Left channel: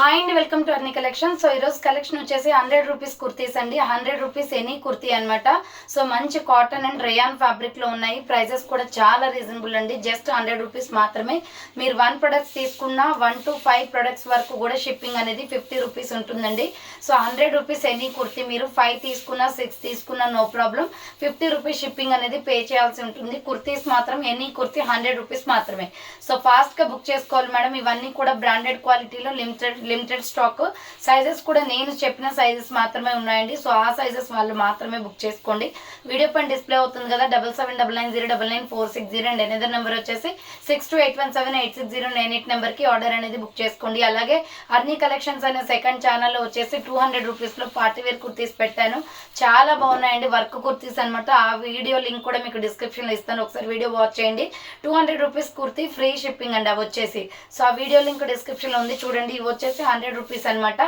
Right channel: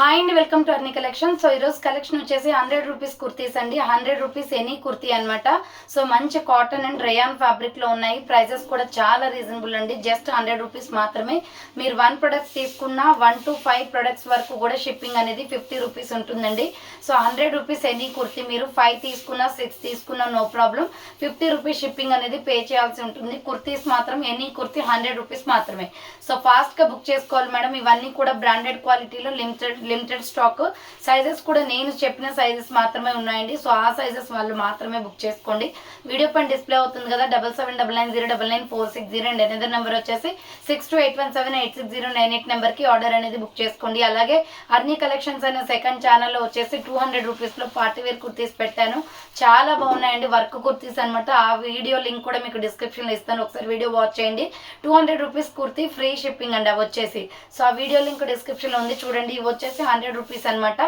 Hi అండి, welcome to Arni collection. So ఈరోజు collection వచ్చేసి 100 రూపీస్ కుర్తీస్ అండి. 100 రూపీస్ ఎనీ కుర్తీ అనమాట. సో మంచి కాటన్ అండ్ రేయాన్ ఫ్యాబ్రిక్లో ఉన్నాయి. ప్రైజెస్ కూడా చాలా రీజనబుల్ అండి. జస్ట్ 100 రూపీస్ మాత్రమే. మీరు 1 ప్రొడక్ట్స్ తీసుకున్న 1 to 5 ప్రొడక్ట్స్ వరకు కూడా షిప్పింగ్ అనేది 50 రూపీస్ ఉంటుందండి. సో 100 రూపీస్ ఎనీ కుర్తీ మీరు 5 తీసుకున్నా 6 తీసుకున్నా నో ప్రాబ్లం. 50 రూపీస్ షిప్పింగ్ అనేది పే చేయాల్సి ఉంటుంది. కుర్తీస్ మాత్రం ఎనీ కుర్తీ 100 రూపీస్ మాత్రమే. సో ఫాస్ట్గా బుక్ చేసుకోవాలి మేడం. ఇవన్నీ కూడా బ్రాండెడ్ క్వాలిటీలో లిమిటెడ్ స్టాక్. సైజెస్ కూడా నేను చెప్పిన సైజెస్ మాత్రమే ఉన్నాయండి. సో ఆ సైజెస్ వాళ్ళు మాత్రమే బుక్ చేసుకోండి. వీడియో పైన డిస్ప్లే అవుతుంది కదా 7799099460 అండ్ ఎనదర్ నెంబర్ వచ్చేసి 6281786098 నెంబర్కి ఆర్డర్ అనేది బుక్ చేసుకోండి. అలాగే అర్నీ కలెక్షన్స్ అనే సెకండ్ ఛానల్లో వచ్చేసి 200 రూపీస్లో పార్టీవేర్ కుర్తీస్ పెట్టాను. చాలా బాగున్నాయండి, వర్క్ కుర్తీస్ అనమాట. ఆ వీడియో లింక్ కూడా మీకు డిస్క్రిప్షన్లో ఇస్తాను, ఒకసారి వీడియో వాచ్ చేయండి. 200 రూపీస్ కుర్తీ ఫ్రీ షిప్పింగ్ అండి అవి వచ్చేసి. సో ఆ వీడియో లింక్ డిస్క్రిప్షన్లో ఉంది చూడండి. ఇవి వచ్చేసి 100 రూపీస్ అనమాట.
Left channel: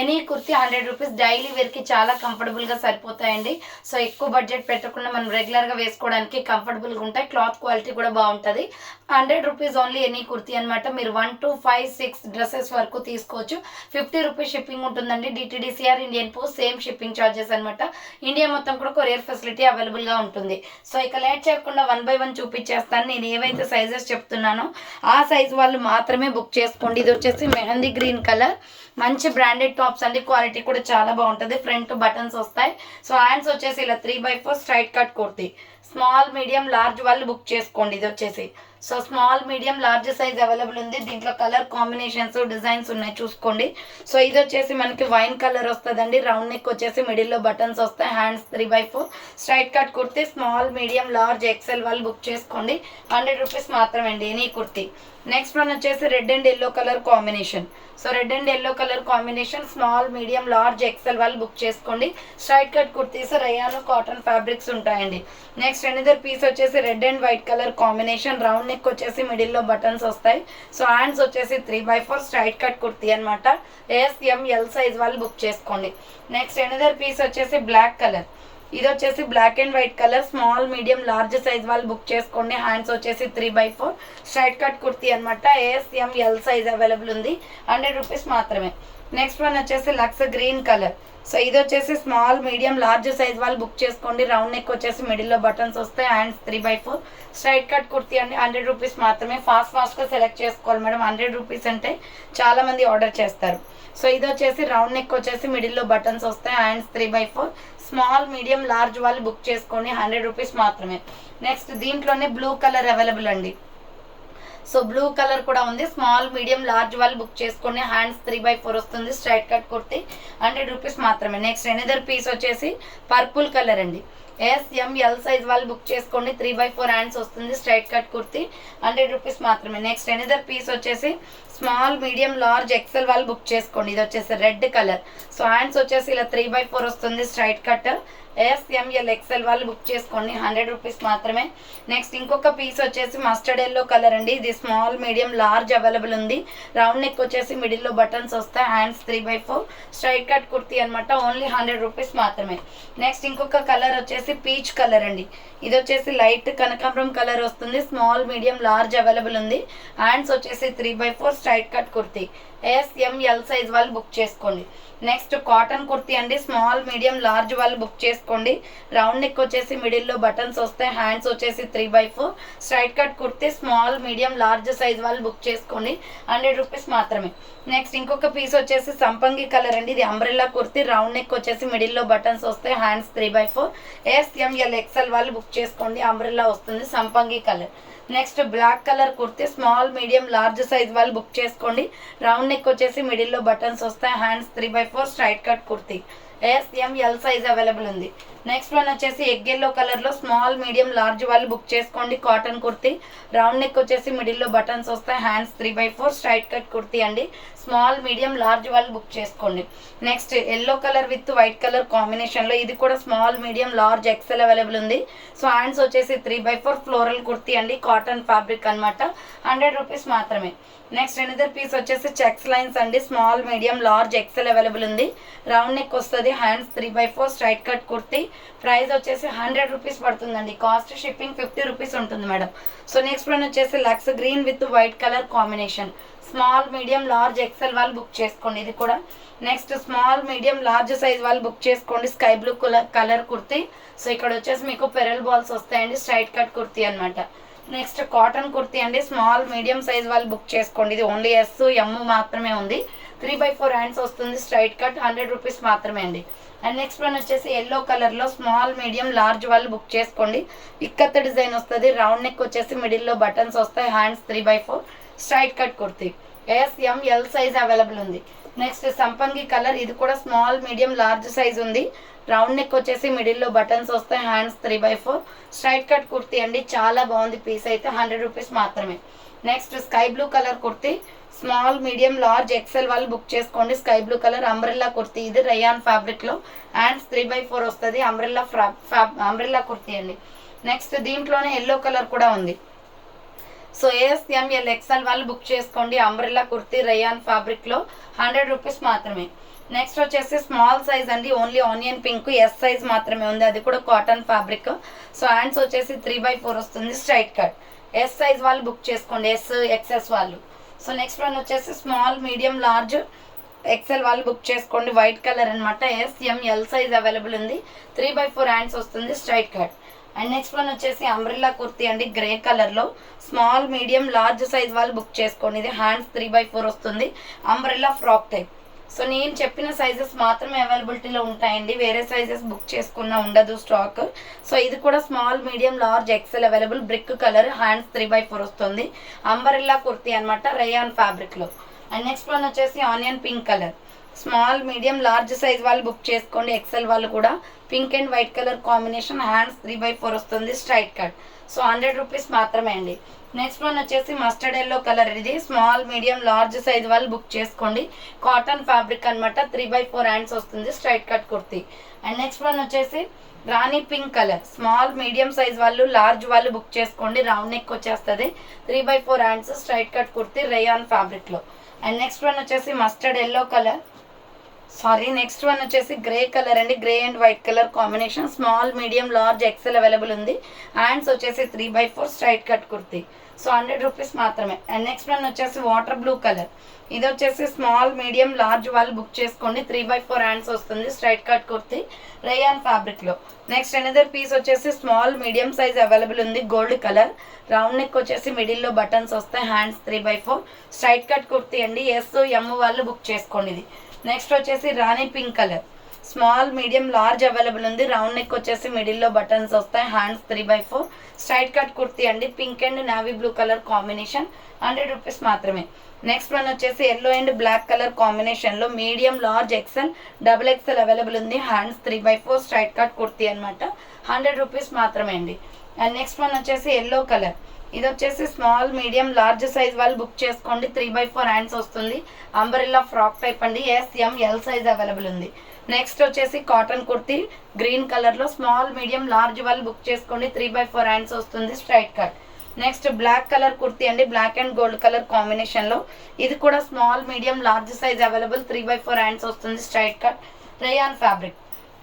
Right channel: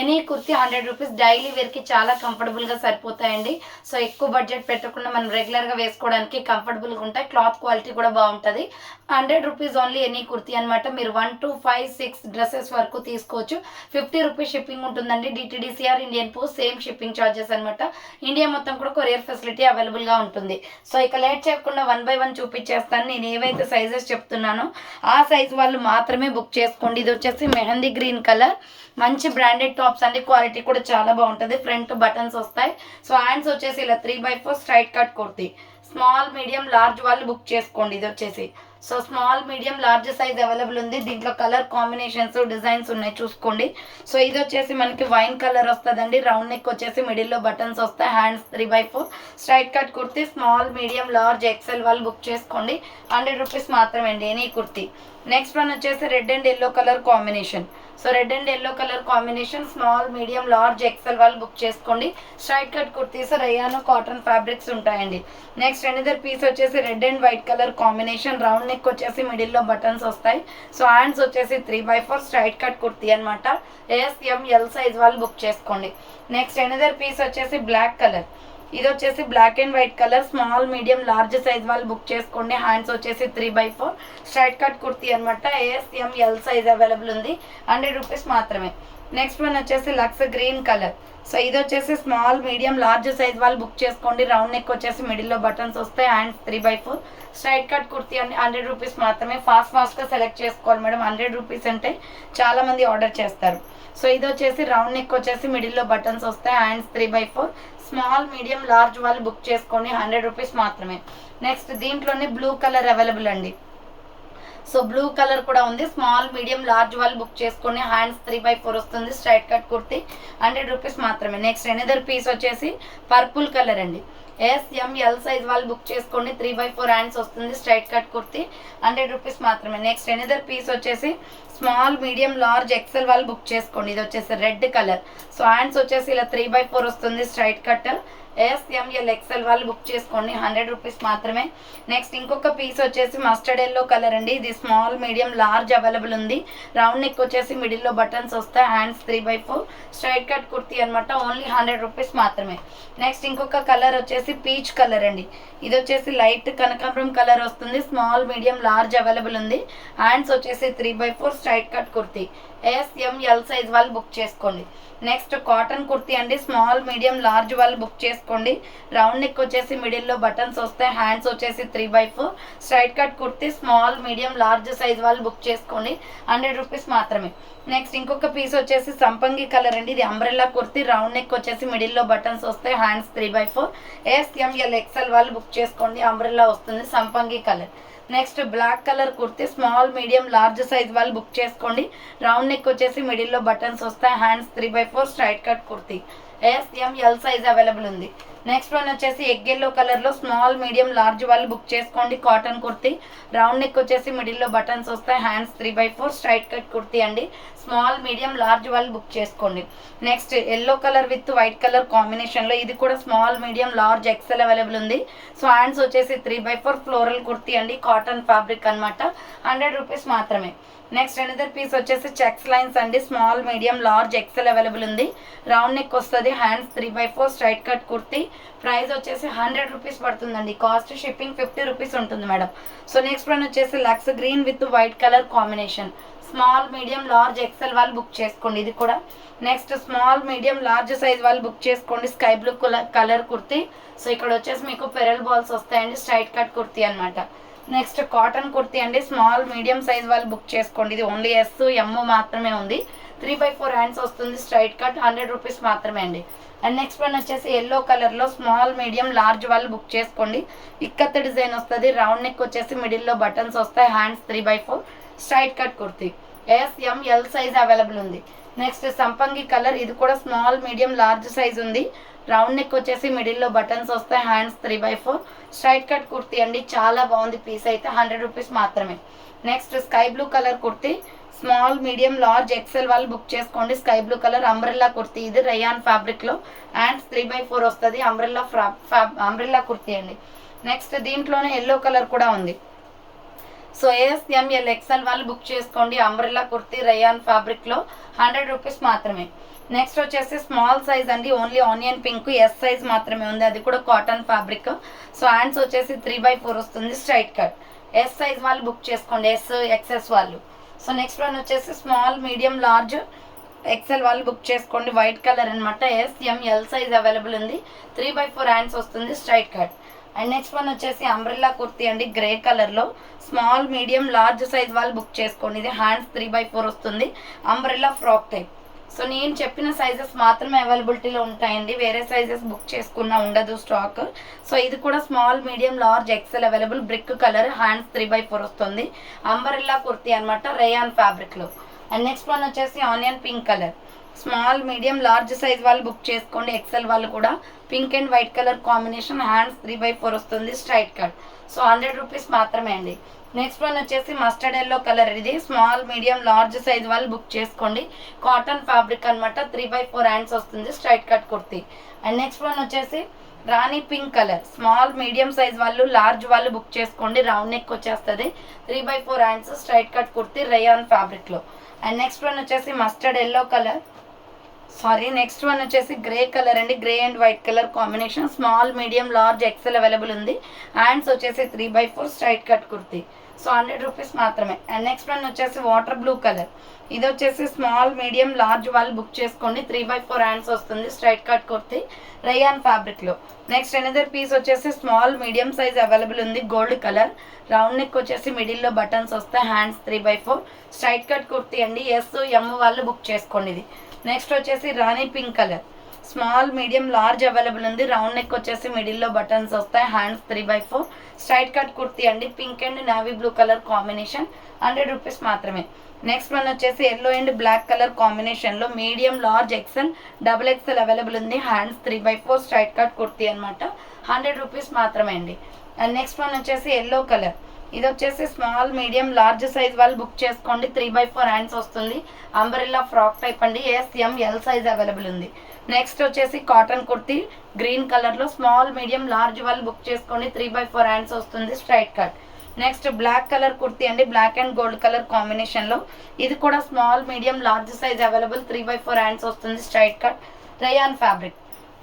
Any kurti 100 rupees. డైలీ వేర్కి చాలా కంఫర్టబుల్గా సరిపోతాయండి. సో ఎక్కువ బడ్జెట్ పెట్టకుండా మనం రెగ్యులర్గా వేసుకోవడానికి కంఫర్టబుల్గా ఉంటాయి. క్లాత్ క్వాలిటీ కూడా బాగుంటుంది. 100 రూపీస్ ఓన్లీ ఎనీ కుర్తీ అనమాట. మీరు 1 to 5, 6 డ్రెస్సెస్ వరకు తీసుకోవచ్చు. 50 రూపీస్ షిప్పింగ్ ఉంటుందండి. DTDC or, Indian post same shipping charges అనమాట. ఇండియా మొత్తం కూడా కొరియర్ ఫెసిలిటీ అవైలబుల్గా ఉంటుంది. సో ఇక లేట్ చేయకుండా 1 by 1 చూపించేస్తాను. నేను ఏవైతే సైజెస్ చెప్తున్నానో ఆ సైజ్ వాళ్ళు మాత్రమే బుక్ చేసుకోండి. ఇది వచ్చేసి మెహందీ గ్రీన్ కలర్, మంచి బ్రాండెడ్ టాప్స్ అండి. క్వాలిటీ కూడా చాలా బాగుంటుంది. ఫ్రంట్ బటన్స్ వస్తాయి. సో హ్యాండ్స్ వచ్చేసి ఇలా 3/4 straight cut kurti. Small, medium, large వాళ్ళు బుక్ చేసుకోండి. ఇది వచ్చేసి so small, medium, large size available ఉంది. దీంట్లో కలర్ కాంబినేషన్స్, డిజైన్స్ ఉన్నాయి చూసుకోండి. సో ఇది వచ్చేసి మనకి వైన్ కలర్ వస్తుందండి. రౌండ్ నెక్ వచ్చేసి మిడిల్లో బటన్స్ వస్తాయి. Hands 3/4 straight cut kurti. Small, medium, large, XL వాళ్ళు బుక్ చేసుకోండి. 100 రూపీస్ మాత్రమే అండి ఎనీ కుర్తీ. నెక్స్ట్ వన్ వచ్చేసి red and yellow colour combination. So red and yellow colour combination, small, medium, large, XL వాళ్ళు బుక్ చేసుకోండి. Straight cut kurtis, rayon cotton fabrics ఉంటాయండి. Next another piece వచ్చేసి red and white colour combination. Round neck వచ్చేసి మిడిల్లో buttons వస్తాయి. So hands వచ్చేసి 3/4 straight cut kurti అనమాట. SML size వాళ్ళు బుక్ చేసుకోండి. నెక్స్ట్ ఎనదర్ పీస్ వచ్చేసి బ్లాక్ కలర్. ఇది వచ్చేసి black and white colour. Small, medium, large size వాళ్ళు బుక్ చేసుకోండి. హ్యాండ్స్ వచ్చేసి 3/4 స్ట్రైట్ కట్ కుర్తీ అనమాట. SML సైజ్ అవైలబుల్ ఉంది. 100 రూపీస్ మాత్రమే. నెక్స్ట్ వన్ వచ్చేసి లక్స్ గ్రీన్ కలర్. సో ఇది వచ్చేసి స్మాల్, మీడియం, లార్జ్ సైజ్ వాళ్ళు బుక్ చేసుకోండి. రౌండ్ నెక్ వచ్చేసి మిడిల్లో బటన్స్ వస్తాయి. హ్యాండ్స్ 3/4 స్ట్రైట్ కట్ కుర్తీ అండి. 100 రూపీస్ మాత్రమే. ఫాస్ట్గా సెలెక్ట్ చేసుకోవాలి మేడం. 100 రూపీస్ అంటే చాలామంది ఆర్డర్ చేస్తారు. సో ఇది వచ్చేసి రౌండ్ నెక్ వచ్చేసి మిడిల్లో బటన్స్ వస్తాయి. హ్యాండ్స్ 3/4 స్మాల్, మీడియం, లార్జ్ వాళ్ళు బుక్ చేసుకొని 100 రూపీస్ మాత్రమే. నెక్స్ట్ దీంట్లోనే బ్లూ కలర్ అవైలబుల్ అండి. సో బ్లూ కలర్ కూడా ఉంది. స్మాల్, మీడియం, లార్జ్ వాళ్ళు బుక్ చేసుకొని హ్యాండ్స్ 3/4 వస్తుంది. స్ట్రైట్ కట్ కుర్తీ 100 రూపీస్ మాత్రమే. నెక్స్ట్ ఎనదర్ పీస్ వచ్చేసి పర్పుల్ కలర్ అండి. SML సైజ్ వాళ్ళు బుక్ చేసుకోండి. 3/4 హ్యాండ్స్ వస్తుంది. స్ట్రైట్ కట్ కుర్తీ 100 రూపీస్ మాత్రమే. నెక్స్ట్ ఎనదర్ పీస్ వచ్చేసి స్మాల్, మీడియం, లార్జ్, ఎక్సెల్ వాళ్ళు బుక్ చేసుకోండి. ఇది వచ్చేసి రెడ్ కలర్. సో హ్యాండ్స్ వచ్చేసి ఇలా 3/4 వస్తుంది. Straight cut. SML ఎక్సెల్ వాళ్ళు బుక్ చేసుకోండి. 100 రూపీస్ మాత్రమే. నెక్స్ట్ ఇంకొక పీస్ వచ్చేసి మస్టర్డ్ ఎల్లో కలర్ అండి. ఇది స్మాల్, మీడియం, లార్జ్ అవైలబుల్ ఉంది. రౌండ్ నెక్ వచ్చేసి మిడిల్లో బటన్స్ వస్తాయి. హ్యాండ్స్ 3/4 స్ట్రైట్ కట్ కుర్తీ అనమాట. ఓన్లీ 100 రూపీస్ మాత్రమే. నెక్స్ట్ ఇంకొక కలర్ వచ్చేసి పీచ్ కలర్ అండి. ఇది వచ్చేసి లైట్ కనకాంబరం కలర్ వస్తుంది. స్మాల్, మీడియం, లార్జ్ అవైలబుల్ ఉంది. హ్యాండ్స్ వచ్చేసి 3/4 straight cut kurti. SML size వాళ్ళు బుక్ చేసుకోండి. నెక్స్ట్ కాటన్ కుర్తీ అండి. స్మాల్, మీడియం, లార్జ్ వాళ్ళు బుక్ చేసుకోండి. రౌండ్ నెక్ వచ్చేసి మిడిల్లో బటన్స్ వస్తాయి. హ్యాండ్స్ వచ్చేసి 3/4 straight cut kurti. Small, medium, large size వాళ్ళు బుక్ చేసుకోండి. 100 రూపీస్ మాత్రమే. నెక్స్ట్ ఇంకొక పీస్ వచ్చేసి సంపంగి కలర్ అండి. ఇది అంబ్రెల్లా కుర్తీ. రౌండ్ నెక్ వచ్చేసి మిడిల్లో బటన్స్ వస్తాయి. హ్యాండ్స్ 3/4 SML ఎక్సెల్ వాళ్ళు బుక్ చేసుకోండి. అంబ్రెల్లా వస్తుంది. సంపంగి colour. Next black colour kurti. Small, medium, large size వాళ్ళు బుక్ చేసుకోండి. రౌండ్ నెక్ వచ్చేసి మిడిల్లో బటన్స్ వస్తాయి. Hands 3/4 straight cut kurti. SML size available ఉంది. నెక్స్ట్ వన్ వచ్చేసి ఎగ్ ఎల్లో కలర్లో స్మాల్, మీడియం, లార్జ్ వాళ్ళు బుక్ చేసుకోండి. కాటన్ కుర్తీ. రౌండ్ నెక్ వచ్చేసి మిడిల్లో బటన్స్ వస్తాయి. హ్యాండ్స్ 3/4 స్ట్రైట్ కట్ కుర్తీ అండి. స్మాల్, మీడియం, లార్జ్ వాళ్ళు బుక్ చేసుకోండి. Next yellow colour with white colour కాంబినేషన్లో ఇది కూడా small, medium, large, XL available ఉంది. సో హ్యాండ్స్ వచ్చేసి 3/4 ఫ్లోరల్ కుర్తీ అండి. కాటన్ ఫ్యాబ్రిక్ అనమాట. 100 రూపీస్ మాత్రమే. నెక్స్ట్ అనదర్ పీస్ వచ్చేసి చెక్స్ లైన్స్ అండి, small medium large XL available ఉంది. రౌండ్ నెక్ వస్తుంది, hands 3/4 straight cut kurti. Price వచ్చేసి 100 రూపీస్ పడుతుందండి, కాస్ట్ షిప్పింగ్ 50 రూపీస్ ఉంటుంది మేడం. సో నెక్స్ట్ వన్ వచ్చేసి lux green with white colour combination, small medium large XL వాళ్ళు book చేసుకోండి ఇది కూడా. నెక్స్ట్ స్మాల్ మీడియం లార్జ్ సైజ్ వాళ్ళు బుక్ చేసుకోండి, sky blue colour kurti. So ఇక్కడ వచ్చేసి మీకు పెరల్ బాల్స్ వస్తాయండి, స్ట్రైట్ కట్ కుర్తీ అనమాట. నెక్స్ట్ కాటన్ కుర్తీ అండి, స్మాల్ మీడియం సైజ్ వాళ్ళు బుక్ చేసుకోండి. ఇది ఓన్లీ ఎస్ ఎమ్ మాత్రమే ఉంది, 3/4 హ్యాండ్స్ వస్తుంది, స్ట్రైట్ కట్ 100 రూపీస్ మాత్రమే అండి. అండ్ నెక్స్ట్ వన్ వచ్చేసి ఎల్లో కలర్లో స్మాల్ మీడియం లార్జ్ వాళ్ళు బుక్ చేసుకోండి. ఇక్కత్ డిజైన్ వస్తుంది, రౌండ్ నెక్ వచ్చేసి మిడిల్లో బటన్స్ వస్తాయి, hands 3/4 straight cut kurti. SML size available ఉంది. నెక్స్ట్ సంపంగి కలర్, ఇది కూడా స్మాల్ మీడియం లార్జ్ సైజ్ ఉంది, రౌండ్ నెక్ వచ్చేసి మిడిల్లో బటన్స్ వస్తాయి, హ్యాండ్స్ 3/4 స్ట్రైట్ కట్ కుర్తీ అండి. చాలా బాగుంది పీస్ అయితే, 100 రూపీస్ మాత్రమే. Next sky blue colour kurti, small medium large XL వాళ్ళు బుక్ చేసుకోండి. Sky blue colour umbrella kurti, ఇది రయాన్ ఫ్యాబ్రిక్లో, హ్యాండ్స్ 3/4 వస్తుంది, అంబ్రెల్లా కుర్తీ అండి. నెక్స్ట్ దీంట్లోనే ఎల్లో కలర్ కూడా ఉంది. సో SML XL వాళ్ళు బుక్ చేసుకోండి, అంబ్రెల్లా కుర్తీ రయాన్ ఫ్యాబ్రిక్లో, 100 రూపీస్ మాత్రమే. నెక్స్ట్ వచ్చేసి స్మాల్ సైజ్ అండి, only onion pink S size మాత్రమే ఉంది, అది కూడా కాటన్ ఫ్యాబ్రిక్. సో హ్యాండ్స్ వచ్చేసి 3/4 వస్తుంది, స్ట్రైట్ కట్. ఎస్ సైజ్ వాళ్ళు బుక్ చేసుకోండి, XS వాళ్ళు. సో నెక్స్ట్ వన్ వచ్చేసి స్మాల్ మీడియం లార్జ్ ఎక్సెల్ వాళ్ళు బుక్ చేసుకోండి, వైట్ కలర్ అనమాట. SML సైజ్ అవైలబుల్ ఉంది, 3/4 హ్యాండ్స్ వస్తుంది, straight cut. And next one వచ్చేసి అంబ్రెల్లా కుర్తీ అండి, గ్రే కలర్లో, స్మాల్ మీడియం లార్జ్ సైజ్ వాళ్ళు బుక్ చేసుకోండి. ఇది హ్యాండ్స్ 3/4 వస్తుంది, అంబ్రెల్లా ఫ్రాక్ టైప్. సో నేను చెప్పిన సైజెస్ మాత్రమే అవైలబిలిటీలో ఉంటాయండి, వేరే సైజెస్ బుక్ చేసుకున్నా ఉండదు స్టాక్. సో ఇది కూడా small medium large XL available, brick colour, hands 3/4 వస్తుంది, అంబ్రెల్లా కుర్తీ అనమాట, రేయాన్ ఫ్యాబ్రిక్లో. అండ్ నెక్స్ట్ వన్ వచ్చేసి onion pink colour, small medium large size వాళ్ళు బుక్ చేసుకోండి, ఎక్సెల్ వాళ్ళు కూడా, pink and white colour combination, hands 3/4 వస్తుంది, స్ట్రైట్ కట్. సో 100 రూపీస్ మాత్రమే అండి. నెక్స్ట్ వన్ వచ్చేసి మస్టర్డ్ ఎల్లో కలర్, ఇది స్మాల్ మీడియం లార్జ్ సైజ్ వాళ్ళు బుక్ చేసుకోండి, కాటన్ ఫ్యాబ్రిక్ అనమాట, 3/4 హ్యాండ్స్ వస్తుంది, straight cut kurti. And next one వచ్చేసి rani pink colour, small medium size వాళ్ళు లార్జ్ వాళ్ళు బుక్ చేసుకోండి, రౌండ్ నెక్ వచ్చేస్తుంది, 3/4 hands, straight cut kurti, rayon ఫ్యాబ్రిక్లో. అండ్ నెక్స్ట్ వన్ వచ్చేసి mustard yellow colour, next one వచ్చేసి గ్రే కలర్ అండి, grey and white colour combination, small medium large XL available ఉంది, hands వచ్చేసి 3/4 straight cut kurti. So 100 rupees మాత్రమే. And next one వచ్చేసి water blue colour, ఇది వచ్చేసి small medium large వాళ్ళు book చేసుకోండి, 3/4 హ్యాండ్స్ వస్తుంది, స్ట్రైట్ కట్ కుర్తీ, రేయాన్ ఫ్యాబ్రిక్లో. నెక్స్ట్ అనదర్ పీస్ వచ్చేసి స్మాల్ మీడియం సైజ్ అవైలబుల్ ఉంది, గోల్డ్ కలర్, రౌండ్ నెక్ వచ్చేసి మిడిల్లో బటన్స్ వస్తాయి, హ్యాండ్స్ 3/4 స్ట్రైట్ కట్ కుర్తీ అండి. SM వాళ్ళు బుక్ చేసుకోండి ఇది. నెక్స్ట్ వచ్చేసి rani pink colour, small medium large available ఉంది, రౌండ్ నెక్ వచ్చేసి మిడిల్లో బటన్స్ వస్తాయి, హ్యాండ్స్ 3/4 స్ట్రైట్ కట్ కుర్తీ అండి, pink and navy blue colour combination, 100 rupees మాత్రమే. నెక్స్ట్ వన్ వచ్చేసి ఎల్లో అండ్ బ్లాక్ కలర్ కాంబినేషన్లో medium large XL XXL available ఉంది, హ్యాండ్స్ 3/4 స్ట్రైట్ కట్ కుర్తీ అనమాట, 100 రూపీస్ మాత్రమే అండి. అండ్ నెక్స్ట్ వన్ వచ్చేసి ఎల్లో కలర్, ఇది వచ్చేసి స్మాల్ మీడియం లార్జ్ సైజ్ వాళ్ళు బుక్ చేసుకోండి, 3/4 హ్యాండ్స్ వస్తుంది, అంబ్రెల్లా ఫ్రాక్ టైప్ అండి, SML సైజ్ అవైలబుల్ ఉంది. నెక్స్ట్ వచ్చేసి కాటన్ కుర్తీ గ్రీన్ కలర్లో, స్మాల్ మీడియం లార్జ్ వాళ్ళు బుక్ చేసుకోండి, 3/4 హ్యాండ్స్ వస్తుంది, straight cut. Next black colour kurti అండి, బ్లాక్ అండ్ గోల్డ్ కలర్ కాంబినేషన్లో, ఇది కూడా small medium large size available, 3/4 hands వస్తుంది, straight cut, rayon fabric.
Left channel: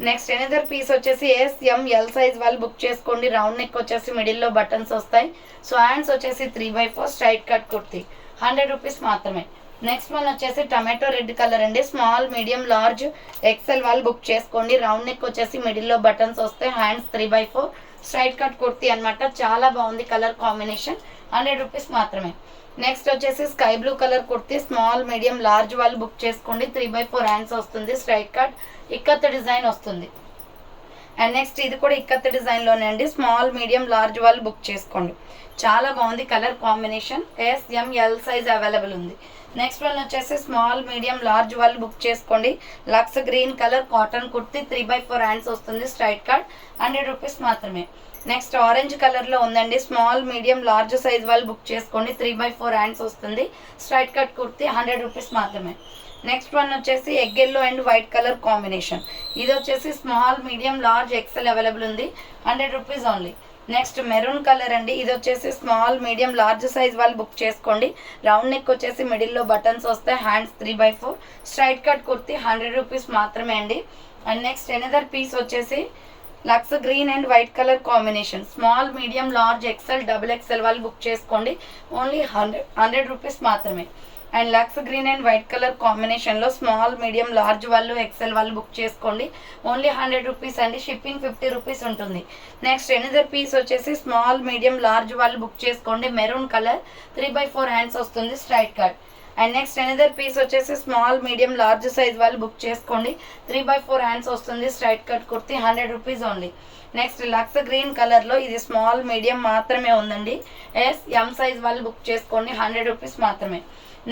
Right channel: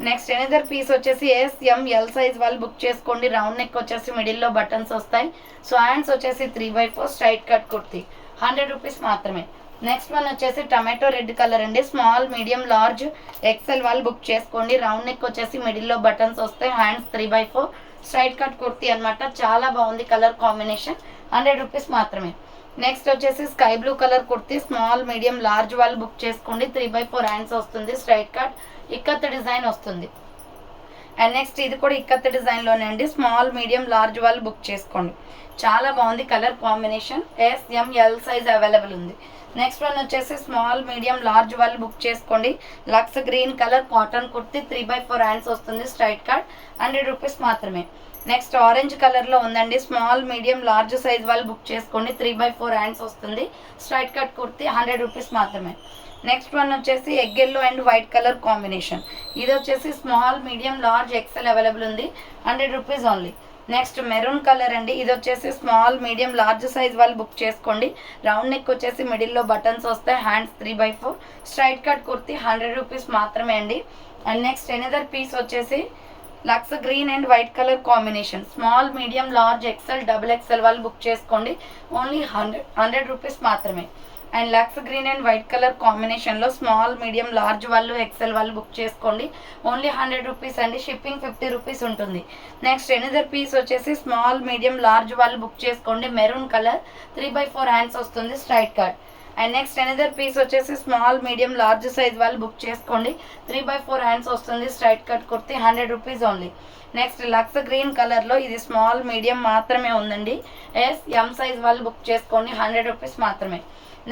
Next another piece వచ్చేసి SML సైజ్ వాళ్ళు బుక్ చేసుకోండి, రౌండ్ నెక్ వచ్చేసి మిడిల్లో బటన్స్ వస్తాయి, సో హ్యాండ్స్ వచ్చేసి 3/4 స్ట్రైట్ కట్ కుర్తీ, 100 రూపీస్ మాత్రమే. నెక్స్ట్ వన్ వచ్చేసి టమాటో రెడ్ కలర్ అండి, స్మాల్ మీడియం లార్జ్ XL వాళ్ళు బుక్ చేసుకోండి, రౌండ్ నెక్ వచ్చేసి మిడిల్లో బటన్స్ వస్తాయి, హ్యాండ్స్ 3/4 స్ట్రైట్ కట్ కుర్తీ అనమాట, చాలా బాగుంది కలర్ కాంబినేషన్, 100 రూపీస్ మాత్రమే. నెక్స్ట్ వచ్చేసి sky blue colour kurti, small medium large వాళ్ళు బుక్ చేసుకోండి, 3/4 హ్యాండ్స్ వస్తుంది, స్ట్రైట్ కట్, ఇక్కత్ డిజైన్ వస్తుంది. అండ్ నెక్స్ట్ ఇది కూడా ఇక్కత్ డిజైన్లోనే అండి, స్మాల్ మీడియం లార్జ్ వాళ్ళు బుక్ చేసుకోండి, చాలా బాగుంది colour combination, SML size available ఉంది. నెక్స్ట్ వన్ వచ్చేసి స్మాల్ మీడియం లార్జ్ వాళ్ళు బుక్ చేసుకోండి, lux green colour cotton kurti, 3/4 hands వస్తుంది, స్ట్రైట్ కట్, 100 రూపీస్ మాత్రమే. నెక్స్ట్ ఆరెంజ్ కలర్లో ఉందండి, స్మాల్ మీడియం లార్జ్ సైజ్ వాళ్ళు బుక్ చేసుకోండి, 3/4 హ్యాండ్స్ వస్తుంది, స్ట్రైట్ కట్ కుర్తీ, 100 రూపీస్ మాత్రమే. నెక్స్ట్ వన్ వచ్చేసి egg yellow and white colour combination, ఇది వచ్చేసి small medium large XL available ఉంది, 100 rupees only. Next maroon colour అండి. ఇది వచ్చేసి స్మాల్ మీడియం లార్జ్ సైజ్ వాళ్ళు బుక్ చేసుకోండి. రౌండ్ నెక్ వచ్చేసి మిడిల్లో బటన్స్ వస్తాయి. Hands 3/4 straight cut kurti 100 rupees మాత్రమే అండి. అండ్ నెక్స్ట్ ఎనదర్ పీస్ వచ్చేసి lux green and white colour combination. Small medium large XL double XL వాళ్ళు బుక్ చేసుకోండి. ఓన్లీ 100 రూపీస్ మాత్రమే. And lux green and white colour కాంబినేషన్లో స్మాల్ మీడియం లార్జ్ వాళ్ళు XL వాళ్ళు book చేసుకోండి. ఓన్లీ 100 రూపీస్ అండి. Shipping 50 rupees ఉంటుంది. నెక్స్ట్ ఎనదర్ పీస్ వచ్చేసి స్మాల్ మీడియం లార్జ్ వాళ్ళు బుక్ చేసుకోండి. మెరూన్ కలర్ 3/4 హ్యాండ్స్ వస్తుంది straight cut. And next another piece వచ్చేసి స్మాల్ మీడియం లార్జ్ సైజ్ వాళ్ళు బుక్ చేసుకోండి. 3/4 హ్యాండ్స్ వస్తుంది straight cut kurti 100 rupees only. Next lux green కలర్లో ఇది స్మాల్ మీడియం మాత్రమే ఉందండి. ఎం సైజ్ వాళ్ళు బుక్ చేసుకోండి. 100 రూపీస్ మాత్రమే.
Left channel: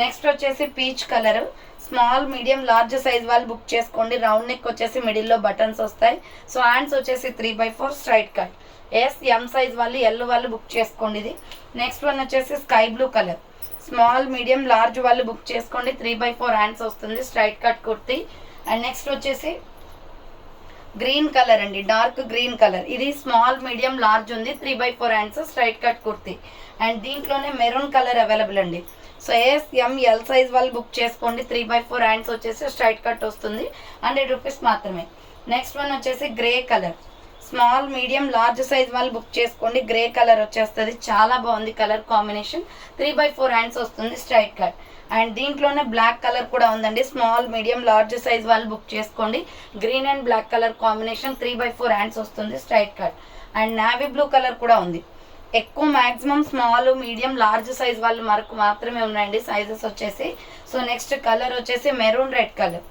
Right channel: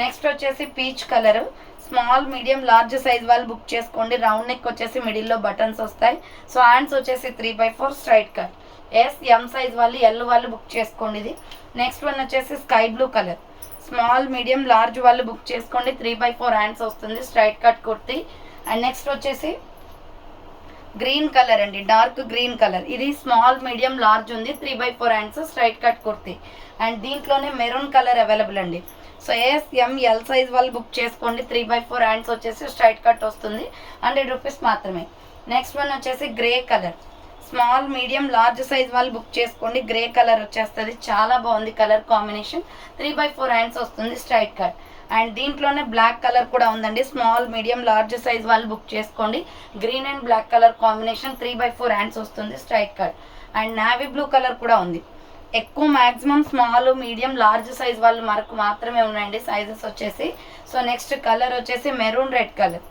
నెక్స్ట్ వచ్చేసి peach colour small medium large size వాళ్ళు బుక్ చేసుకోండి. రౌండ్ నెక్ వచ్చేసి మిడిల్లో బటన్స్ వస్తాయి. సో హ్యాండ్స్ వచ్చేసి 3/4 స్ట్రైట్ కట్. ఎం సైజ్ వాళ్ళు ఎల్ వాళ్ళు బుక్ చేసుకోండి. ఇది నెక్స్ట్ వన్ వచ్చేసి sky blue colour small medium large వాళ్ళు బుక్ చేసుకోండి. 3/4 హ్యాండ్స్ వస్తుంది straight cut kurti. And next వచ్చేసి గ్రీన్ కలర్ అండి. డార్క్ గ్రీన్ కలర్ ఇది స్మాల్ మీడియం లార్జ్ ఉంది. 3/4 hands straight cut kurti. And దీంట్లోనే మెరూన్ కలర్ అవైలబుల్ అండి. సో ఎల్ సైజ్ వాళ్ళు బుక్ చేసుకోండి. 3/4 హ్యాండ్స్ వచ్చేసి స్ట్రైట్ కట్ వస్తుంది. 100 రూపీస్ మాత్రమే. నెక్స్ట్ వన్ వచ్చేసి grey colour small medium large size వాళ్ళు బుక్ చేసుకోండి. గ్రే కలర్ వచ్చేస్తుంది. చాలా బాగుంది కలర్ కాంబినేషన్. 3/4 హ్యాండ్స్ వస్తుంది స్ట్రైట్ కట్. అండ్ దీంట్లోనే బ్లాక్ కలర్ కూడా ఉందండి. స్మాల్ మీడియం లార్జ్ సైజ్ వాళ్ళు బుక్ చేసుకోండి. Green and black colour combination 3/4 hands వస్తుంది straight cut. And navy blue colour కూడా ఉంది. ఎక్కువ maximum small medium large size వాళ్ళు మనకు మాత్రమే ఉన్నాయండి సైజెస్ వచ్చేసి. సో నెక్స్ట్ కలర్ వచ్చేసి మెరూన్ రెడ్ కలర్.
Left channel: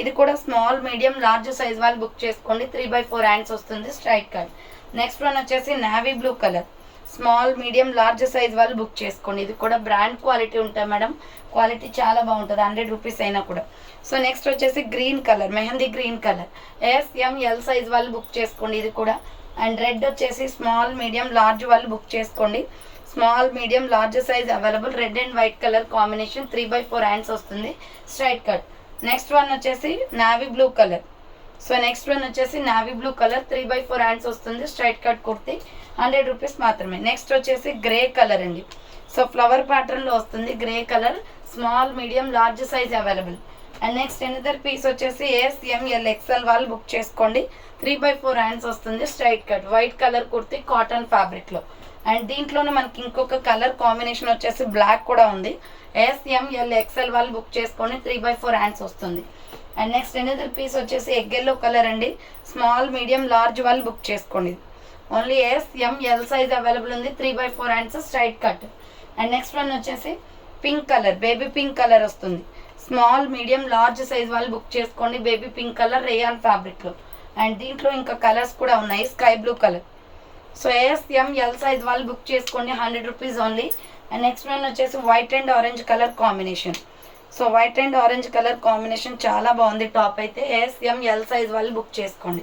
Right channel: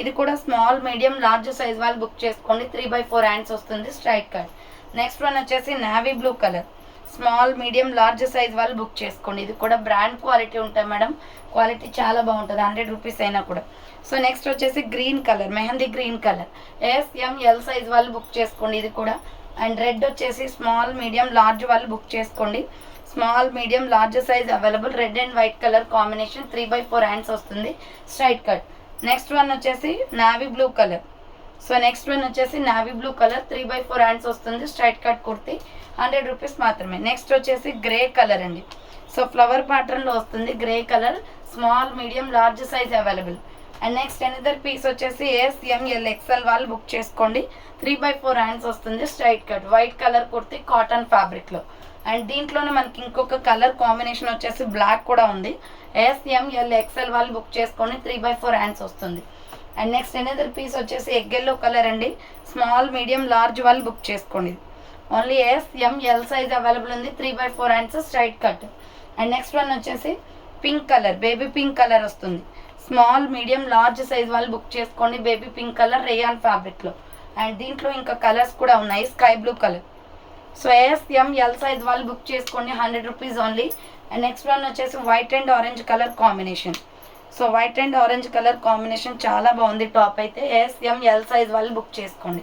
ఇది కూడా స్మాల్ మీడియం లార్జ్ సైజ్ వాళ్ళు బుక్ చేసుకోండి. 3/4 హ్యాండ్స్ వస్తుంది స్ట్రైట్ కట్. నెక్స్ట్ వన్ వచ్చేసి navy blue colour small medium large size వాళ్ళు బుక్ చేసుకోండి. ఇది కూడా బ్రాండ్ క్వాలిటీ ఉంటాయి మేడం. క్వాలిటీ చాలా బాగుంటుంది. 100 రూపీస్ అయినా కూడా. సో నెక్స్ట్ వచ్చేసి green colour mehndi green colour L size వాళ్ళు బుక్ చేసుకోండి. ఇది కూడా. అండ్ రెడ్ వచ్చేసి స్మాల్ మీడియం లార్జ్ వాళ్ళు బుక్ చేసుకోండి. Small medium large size available. Red and white colour combination 3/4 hands వస్తుంది స్ట్రైట్ కట్. నెక్స్ట్ వన్ వచ్చేసి navy blue colour. So next one వచ్చేసి నావీ బ్లూ కలర్ 3/4 హ్యాండ్స్ వస్తుంది straight cut kurti 100 rupees మాత్రమే. Next వచ్చేసి grey colour అండి. So flower ప్యాటర్న్లో వస్తుంది grey colour. Small medium large size available. And next another piece వచ్చేసి L XL వాళ్ళు book చేసుకోండి. 3/4 హ్యాండ్స్ వస్తుంది straight cut. White colour kurti cotton ఫ్యాబ్రిక్లో. అండ్ దీంట్లోనే మనకి ఇంకొక కలర్ కాంబినేషన్ వచ్చేసి బ్లాక్ కూడా ఉంది. ఎల్ ఎక్స్ఎల్ వాళ్ళు బుక్ చేసుకోండి. 3/4 హ్యాండ్స్ వస్తుంది. అండ్ నెక్స్ట్ ఎనదర్ పీస్ వచ్చేసి ఎగ్ ఎల్లో కలర్ అండి. స్మాల్ మీడియం లార్జ్ వాళ్ళు బుక్ చేసుకోండి. ఓన్లీ ఎల్ సైజ్ అవైలబుల్ ఉంది. 3/4 hands straight cut. And next one వచ్చేసి pink colour baby pink colour వస్తుంది. స్మాల్ మీడియం లార్జ్ సైజ్ వాళ్ళు book చేసుకోండి. Baby pink colour rayon ఫ్యాబ్రిక్లో. And దీంట్లో ఇంకా కలర్స్ కూడా ఉన్నాయి. Sky blue colour. So L size వాళ్ళు బుక్ చేసుకోండి. 100 rupees only. And next one వచ్చేసి white and orange colour combination. So white and orange colour combination చాలా బాగుంది. టాప్ అయితే ఎల్ సైజ్ వాళ్ళు బుక్ చేసుకోండి.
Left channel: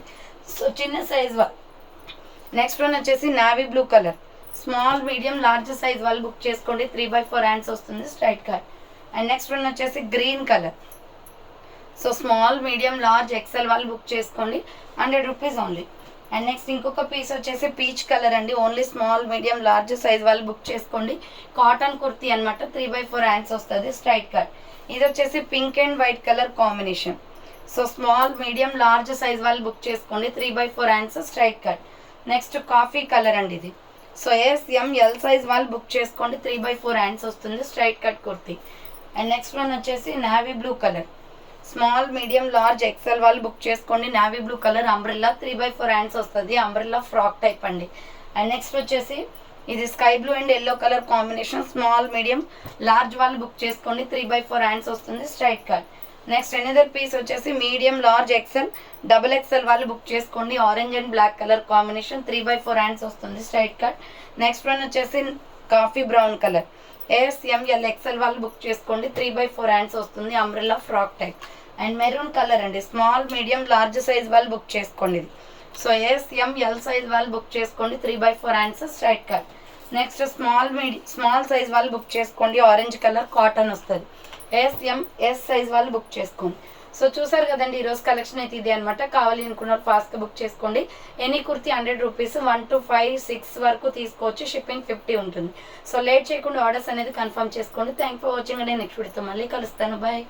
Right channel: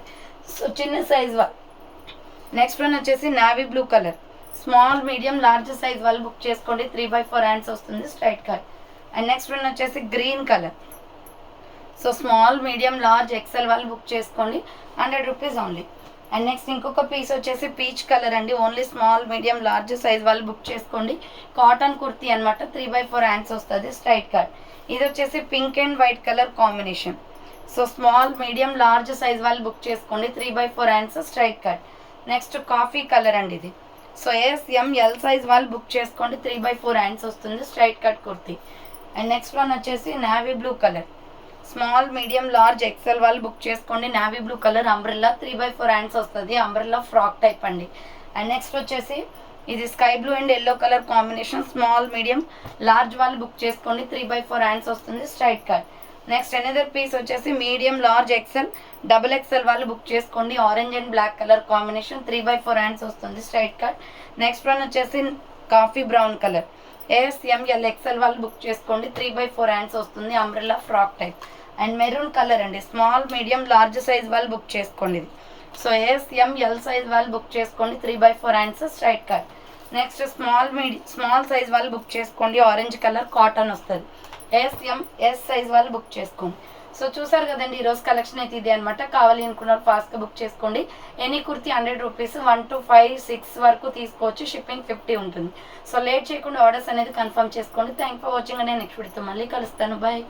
సో చిన్న సైజ్ వాళ్ళు. నెక్స్ట్ వన్ వచ్చేసి navy blue colour. Small medium large size వాళ్ళు బుక్ చేసుకోండి. 3/4 హ్యాండ్స్ వస్తుంది straight cut. And next one వచ్చేసి green colour. So small medium large XL వాళ్ళు బుక్ చేసుకోండి. 100 రూపీస్ ఓన్లీ. అండ్ నెక్స్ట్ ఇంకొక పీస్ వచ్చేసి పీచ్ కలర్ అండి. Only small medium large size వాళ్ళు బుక్ చేసుకోండి. కాటన్ కుర్తీ అనమాట. 3/4 హ్యాండ్స్ వస్తుంది స్ట్రైట్ కట్. ఇది వచ్చేసి pink and white colour combination. So small medium large size వాళ్ళు బుక్ చేసుకోండి. 3/4 hands straight cut. Next coffee colour అండి ఇది. సో ఎల్ సైజ్ వాళ్ళు బుక్ చేసుకోండి. 3/4 హ్యాండ్స్ వస్తుంది straight cut kurti. And next one వచ్చేసి navy blue colour. Small medium large XL వాళ్ళు book చేసుకోండి. Navy blue colour umbrella 3/4 hands వస్తుంది. అంబ్రెల్లా ఫ్రాక్ టైప్ అండి. అండ్ నెక్స్ట్ వచ్చేసి ఇది sky blue and yellow colour combination. Small medium large వాళ్ళు book చేసుకోండి. 3/4 hands వస్తుంది straight cut. Next another piece వచ్చేసి medium large XL double XL వాళ్ళు book చేసుకోండి. Orange and black colour combination. 3/4 hands వస్తుంది స్ట్రైట్ కట్. నెక్స్ట్ వన్ వచ్చేసి coffee brown colour. L XL వాళ్ళు book చేసుకోండి. 3/4 హ్యాండ్స్ వస్తుంది. Umbrella frock type. And maroon colour అండి. Small medium large size వాళ్ళు book చేసుకోండి. ఇది సో ఎల్ సైజ్ వాళ్ళు బుక్ చేసుకోండి. 3/4 hands straight cut. Next small size వాళ్ళు బుక్ చేసుకోండి. ఆరెంజ్ కలర్ కాటన్ వస్తుంది. ఎస్ సైజ్ వాళ్ళు బుక్ చేసుకోండి. సో చూసారు కదండి, ఈరోజు కలెక్షన్ అయితే ఇది అనమాట. కావాలి అనుకున్నారు ఫాస్ట్గా బుక్ చేసుకోండి. ఎనీ కుర్తీ 100 రూపీస్, 1 to 5, 6 వరకు తీసుకోవచ్చు. షిప్పింగ్ 50 ఉంటుంది. సో లేట్ చేయకుండా ఆర్డర్స్ అనేది కన్ఫర్మ్ చేసుకోండి. థ్యాంక్ ఫర్ వాచింగ్ అండి. నెక్స్ట్ వీడియోతో మళ్ళీ కలుస్తాను. బాయ్.